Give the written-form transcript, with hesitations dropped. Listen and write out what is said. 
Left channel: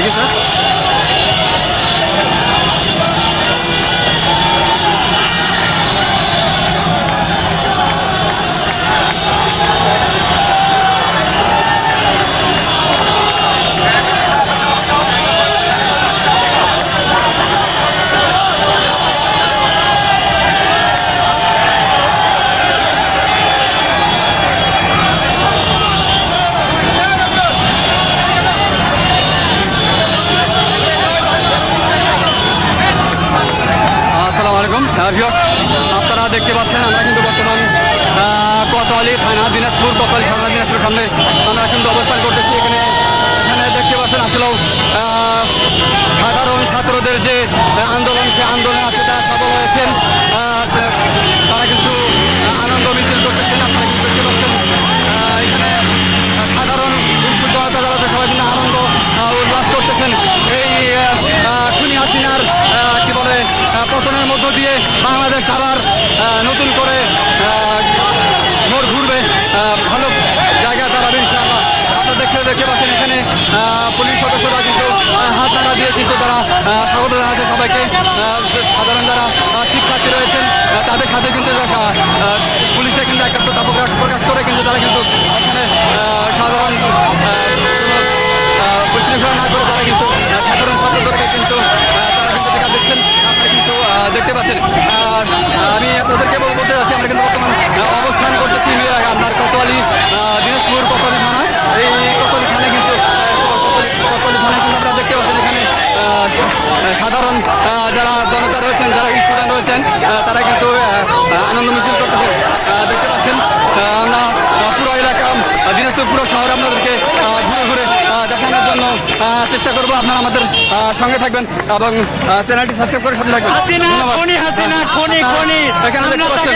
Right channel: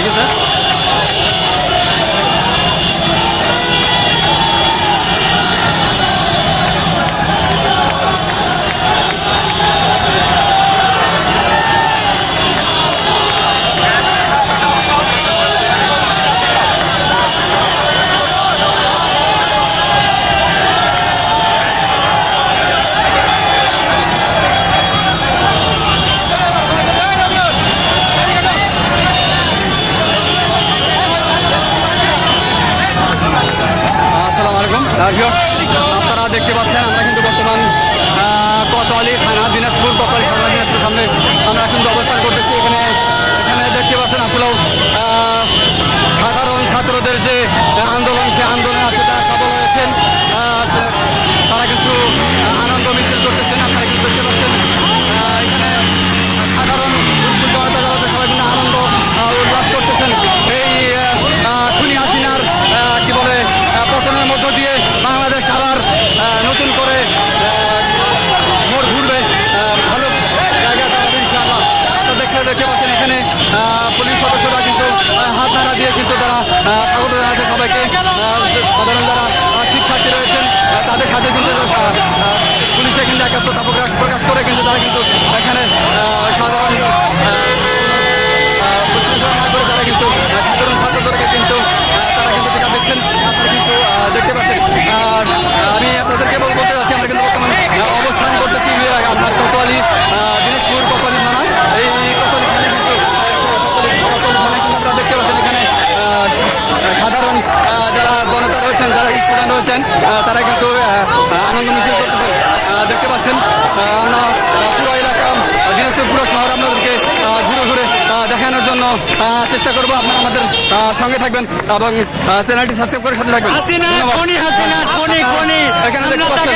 দেখি স্যার। আসসালামু আলাইকুম ভিউয়ার্স, আপনারা দেখতে পাচ্ছেন আমরা কিন্তু বর্তমান কোতোয়ালি থানা দিনাজপুর, কোতোয়ালি থানা দিনাজপুর সামনে আমরা কিন্তু অবস্থান করতেছি। এখানে দেখতে পাচ্ছেন আসলেও সাধারণ ছাত্রদের যে আন্দোলন, সে আন্দোলনে আছে তারা সফল হয়েছেন। তারা কিন্তু আনন্দ মিছিল করতেছেন। আপনারা কিন্তু দেখতে পাচ্ছেন এখানে সাধারণ জনতা সবাই কিন্তু আনন্দ উল্লাস করতেছেন। এই খুনি হাসিনার কি বলে পতনের মধ্য দিয়ে বাংলাদেশ আবার নতুন করে মোড় ঘুরবে, ভালো জায়গায় দাঁড়াবে ইনশাআল্লাহ। আপনারা দেখতে পাচ্ছেন এখানে পুলিশ সদস্যরা কিন্তু হাত নাড়া দিয়ে কিন্তু তারা স্বাগত জানাচ্ছে সবাইকে। সাধারণ যারা শিক্ষার্থী রয়েছেন তাদের সাথে কিন্তু পুলিশে কিন্তু একাত্মতা প্রকাশ করে কিন্তু তারা কিন্তু এখানে সাধারণ বিশৃঙ্খলা না করে তারা কিন্তু সাধারণ ছাত্রদেরকে কিন্তু তারা কিন্তু টিকা দিচ্ছেন। আপনারা কিন্তু দেখতে পাচ্ছেন। আর আমি আপনাদেরকে বলতে চাচ্ছি আমরা কিন্তু বর্তমান অবস্থান করতেছি আপনার কোতোয়ালি দিনাজপুর কোতোয়ালি থানা। এই কোতোয়ালি থানায় কিন্তু আপনারা দেখতে পাচ্ছেন এখানে সাধারণ যারা জনতা রয়েছেন, যারা স্টুডেন্ট রয়েছেন তারা কিন্তু আনন্দ মিছিল করতেছেন। দেখতে পাচ্ছেন আমরা পুরো এলাকা দিনাজপুর পুরো শহর আপনাদেরকে ঘুরে ঘুরে দেখানোর জন্য চেষ্টা করবো। আপনারা আমাদের সঙ্গে থাকবেন এবং চ্যানেলটি সাবস্ক্রাইব করে সাথে থাকবেন। ধন্যবাদ। এখানে দেখতে পাচ্ছেন